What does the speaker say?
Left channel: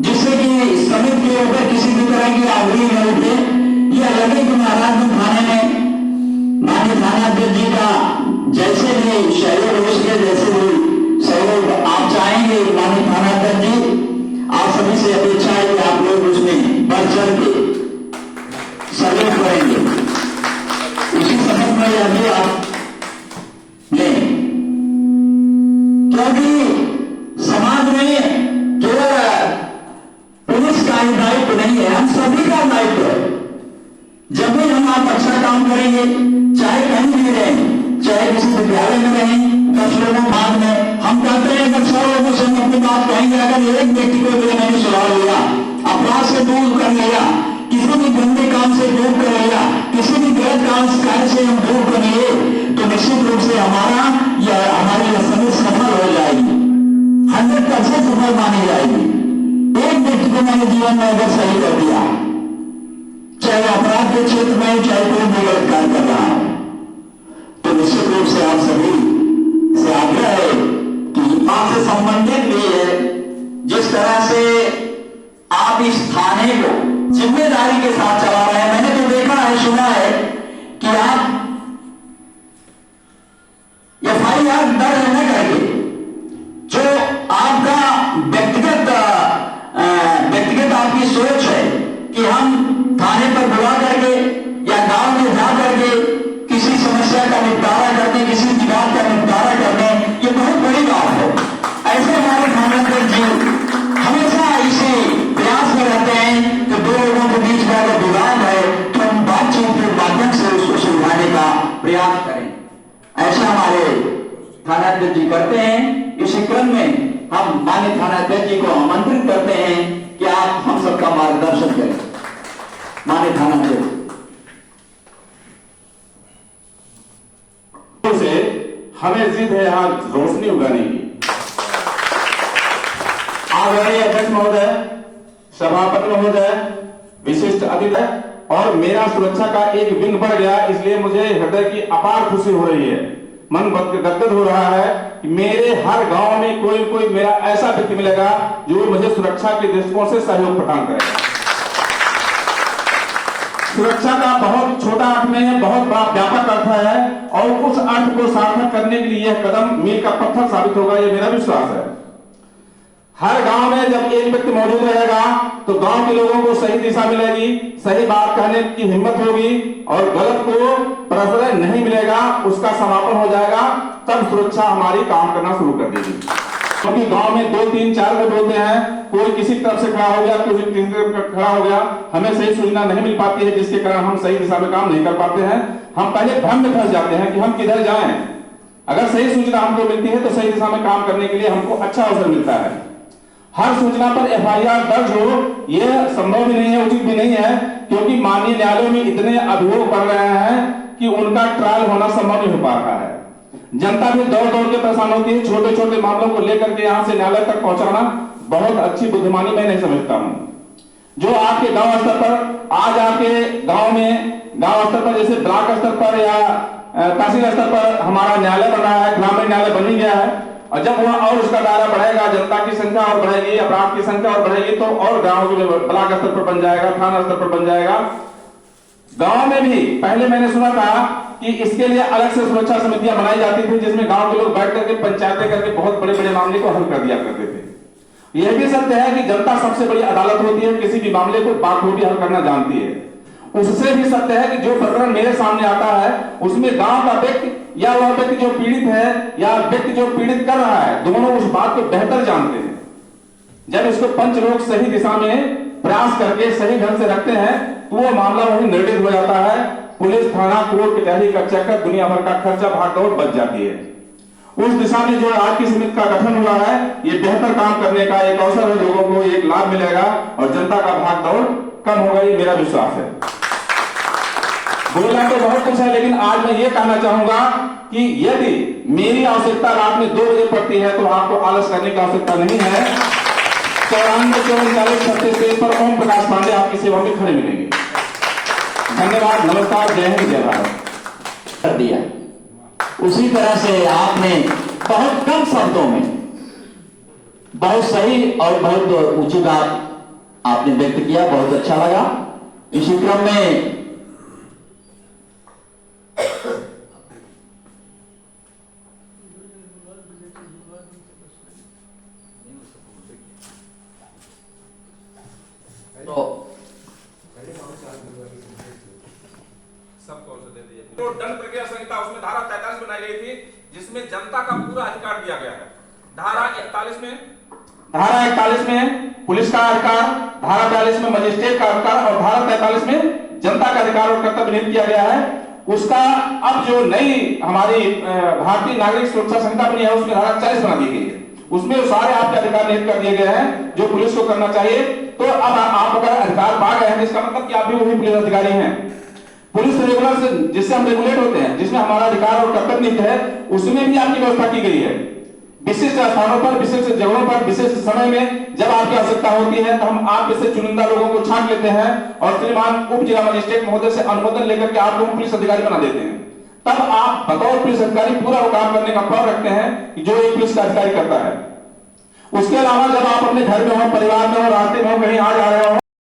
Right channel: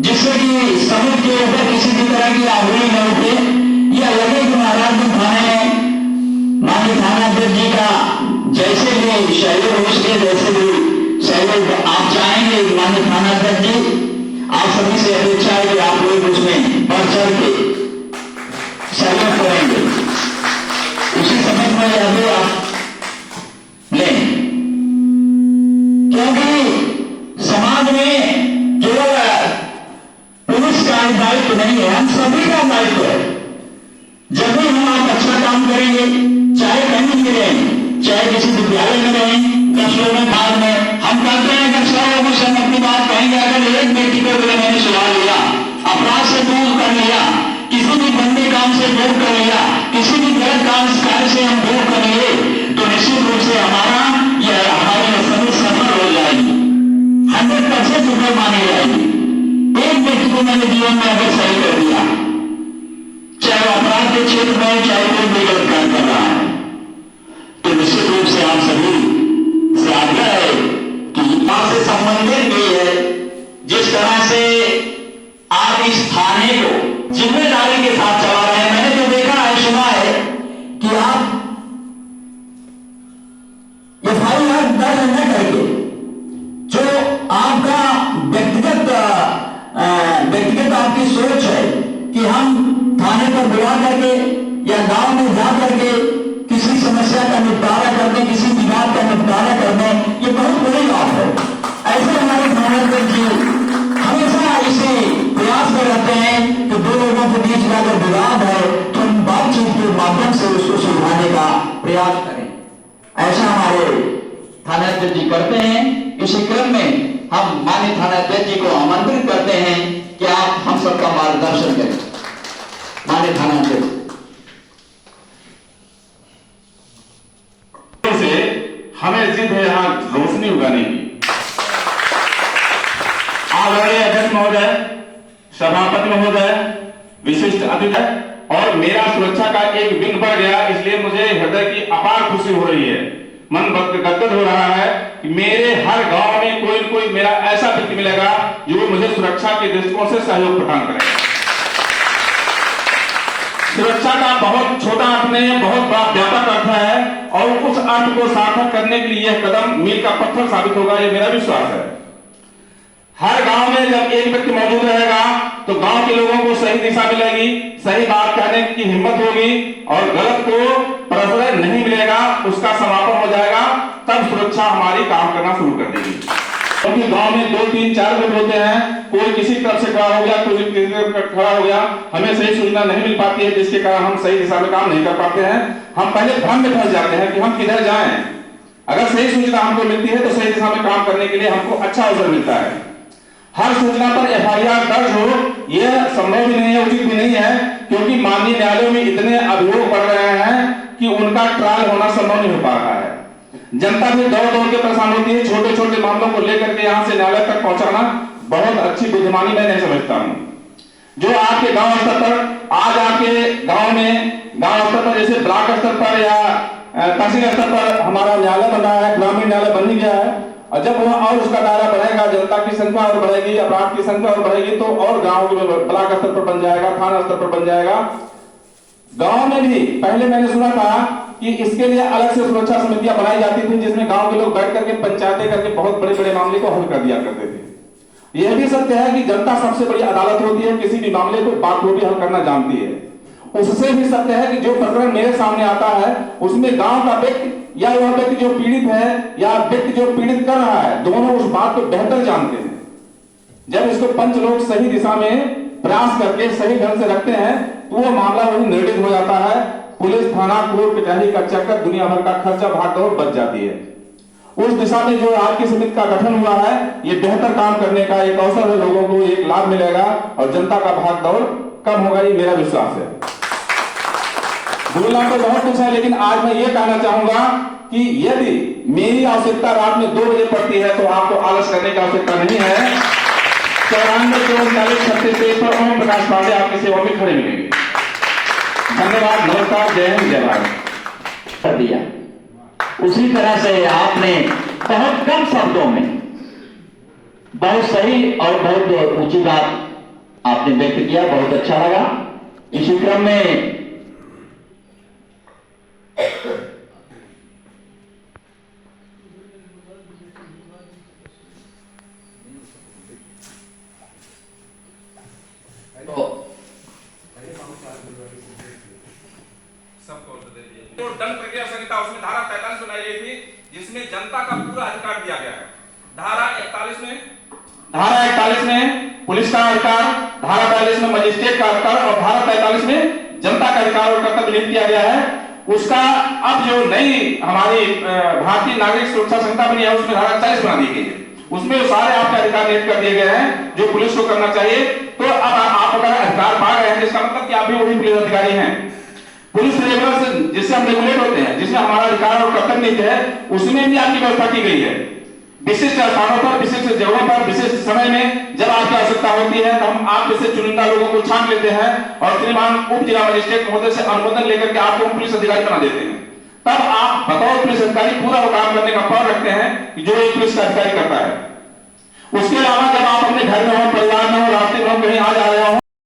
जिससे कि समुद्र के ऊपर किसी भी तरह की आंगुली न उठे। यह लगे कि महाराजगंज थाने में माननीय थानाध्यक्ष जी का जैसे भी सहयोग हो सके, जैसे भी सहयोग आप चाहेंगे माननीय थानाध्यक्ष जी, आप सभी से अपेक्षा है कि आप लोग उसमें बढ़ चढ़ के सहयोग करेंगे। उसी समय में यह भी आप लें, क्योंकि समाज में केवल पुलिस का ही दायित्व नहीं है, हम सभी का दायित्व है। जब भी हम आप अच्छा काम करेंगे, चाहे कहीं भी रहें, चाहे किसी विद्यालय में रहें, कस्बों में, भाग में, हम कहते हैं कि सब लोगों से हम अपनी बात कहेंगे। अगर एक व्यक्ति को भी मैंने सुधार लिया, अपराध से दूर कर लिया, किसी भी गंदे काम से दूर कर लिया, किसी भी गलत काम कार्य से हम दूर कर लिए, तो निश्चित रूप से हमारी समझ सफल हो जाएगी, 100% सफल मानी जाएगी। एक व्यक्ति को मैंने जीवन में अगर सही कर दिया, चाहे वो अपराध के क्षेत्र में, चाहे कोई भी गलत कार्य कर रहा है, तो निश्चित रूप से आप सभी से आग्रह है कि बात से संबंधित भी है, जिस तरह से आप इस थाने को जिम्मेदारी के साथ चला रहे हैं। मैंने तो देखा है, सुना है कि आप FIR दर्ज न करके जो आपका व्यक्तिगत आपकी सोच है कि हम थाने पर बुला करके या गांव में जा करके किसी समस्या का निपटारा करते, किसी विवाद का निपटारा करते, ये बहुत बड़ी बात है। ऐसे हमारे थानेध्यक्ष जी हमेशा इसी प्रयास में रहते हैं कि दो लोगों के बीच में अगर विवाद है तो हम बातचीत के माध्यम से उसको सुलझाने का प्रयास करें। ऐसा हमारे थानाध्यक्ष जी करते हैं। इसी क्रम में हम माननीय थानाध्यक्ष जी को आमंत्रित करते हैं कि आप हम सबका मार्गदर्शन करें। माननीय थानाध्यक्ष से हमें जिद है यहाँ रोशनी उगाने की। आदरणीय अध्यक्ष महोदय, सभापति महोदय, विशिष्ट अतिथि, और मेरा सुरक्षा का एक विंग बढ़ गया, इसलिए मुझे हृदय की अपार खुशी हो रही है। मन गदगद हो रहा है कि मेरे हर गांव में कोई न कोई मेरा ऐसा व्यक्ति मिलेगा जो मुझे सुरक्षा के दृष्टिकोण से सहयोग प्रदान करेगा। सुरक्षा का बहुत छोटा अर्थ नहीं है, बहुत बड़ा व्यापक अर्थ है, और उस अर्थ को सार्थक करने के लिए यह कदम मील का पत्थर साबित होगा, यह मेरा विश्वास है। हर गांव में जब एक व्यक्ति मौजूद रहेगा तो गांव के लोगों को सही दिशा मिलेगी, सही बात कहने की हिम्मत होगी, और गलत को प्रश्रय नहीं मिलेगा, उसका समापन हो जाएगा। तब सुरक्षा हमारी काम करना शुरू कर देगी। क्योंकि गांव में 2, 3, 4 लोग होते हैं, कोई किसी तरफ से खड़ा हो गया, कोई किसी तरफ खड़ा हो गया, हमें सही सूचना नहीं मिल पाती है, जिसके कारण हम सही दिशा में काम नहीं कर पाते हैं। हम पहले भ्रम में फंस जाते हैं कि हम किधर जाएं। अगर सही सूचना हमको मिलती है तो सही दिशा में काम करने के लिए हमको अच्छा अवसर मिलता है। हर सूचना पर FIR दर्ज हो, यह संभव भी नहीं है, उचित भी नहीं है, क्योंकि माननीय न्यायालयों में इतने अभियोग बढ़ रहे हैं कि उनका ट्रायल होना संभव नहीं हो पा रहा है। जनता भी दौड़ दौड़ के परेशान होती है। छोटे छोटे मामलों को लेकर के यहाँ से न्यायालय तक पहुंचाना बहुत अच्छी बुद्धिमानी मैं नहीं समझता हूँ। जो आपके गांव स्तर पर, आज आपके गांव में, गांव स्तर पर जैसे ब्लॉक स्तर पर या तहसील स्तर पर हमारा न्यायालय बना है, ग्रामीण न्यायालय बन ही गया है, और जब वह और उसका दायरा बढ़ेगा, जनता की संख्या और बढ़ेगी, अपराध की संख्या और बढ़ेगी, तो और गांव के ब्लॉक स्तर पर बन जाएगा, थाना स्तर पर बन जाएगा। गांव में भी पहले मैंने सुना था कि इसके लिए अलग से सुरक्षा समितियां बनाई जाती थी, जिसमें गांव के लोग बैठ करके पंचायतें करके बहुत बड़े बड़े मामले को हल कर दिया करते थे। यह भी सत्य है कि जनता सबसे बड़ी अदालत होती है, किसी भी मामले को बाखूबी हल करना जानती है। उससे भी सत्य है कि जो प्रकरण मेरे सामने आता है उसमें गांव का व्यक्ति या वह व्यक्ति जो पीड़ित है या व्यक्ति जो पीड़ित कर रहा है, दोनों उस बात को बेहतर जानते हैं। जब इसको पंच लोग सही दिशा में प्रयास करके सही ढंग से रखते हैं तो वह मामला वही निर्णित हो जाता है। पुलिस, थाना, कोर्ट कचहरी का चक्कर, दुनिया भर का खर्चा, भागदौड़ बच जाती है। उस दिशा में जो आज की समिति का गठन हुआ है, ये बेहतर काम करने का एक अवसर है, लोगों को एक लाभ मिलेगा और जनता का भागदौड़ कम होगा, ये मेरा विश्वास है। बोलना तो बहुत कुछ है, लेकिन आज मैं ये कहना चाहूंगा कि यदि मेरी आवश्यकता रात में 2 बजे पड़ती है तो आपको आलस करने की आवश्यकता नहीं है। 94 पर ओम प्रकाश पांडे आपकी सेवा में खड़े मिलेंगे। धन्यवाद, नमस्कार, जय हिंद, जय भारत। कर दिया उसी तरह से आपने बहुत कम शब्दों में बहुत सही और बहुत उचित आप आपने व्यक्त किया, बहुत अच्छा लगा। इसी क्रम में तो दंड प्रक्रिया संहिता उसमें धारा 43 बनाई गई थी, जिसमें जनता का पूरा अधिकार दिया गया है। धारा 41 में पुलिस का अधिकार, धारा 42 में मजिस्ट्रेट का अधिकार और धारा 43 में जनता का अधिकार और कर्तव्य निहित किया गया है। उसका अब जो नई हमारी भारतीय नागरिक सुरक्षा संहिता बनी है, उसमें धारा 40 बना दी गई है। उसमें सारे आपके अधिकार निहित कर दिए गए हैं जो पुलिस को करना चाहिए। तो अब आप अगर अधिकार पा गए हैं, जिसका मतलब कि आप भी वही पुलिस अधिकारी हैं। पुलिस रेगुलेशन जिससे हम रेगुलेट होते हैं, जिसमें हमारा अधिकार और कर्तव्य निहित है, उसमें भी आपकी व्यवस्था की गई है। विशिष्ट स्थानों पर, विशिष्ट जगहों पर, विशिष्ट समय में जब आपकी आवश्यकता होती है, तो हम आप जैसे चुनिंदा लोगों को छांट लेते हैं और श्रीमान उप जिला मजिस्ट्रेट महोदय से अनुमोदन लेकर के आपको पुलिस अधिकारी बना देते हैं। तब आप बतौर पुलिस अधिकारी पूरा वो काम करने का प्रण रखते हैं जो एक पुलिस का अधिकारी करता है। उसके अलावा जब आप अपने घर में हो, परिवार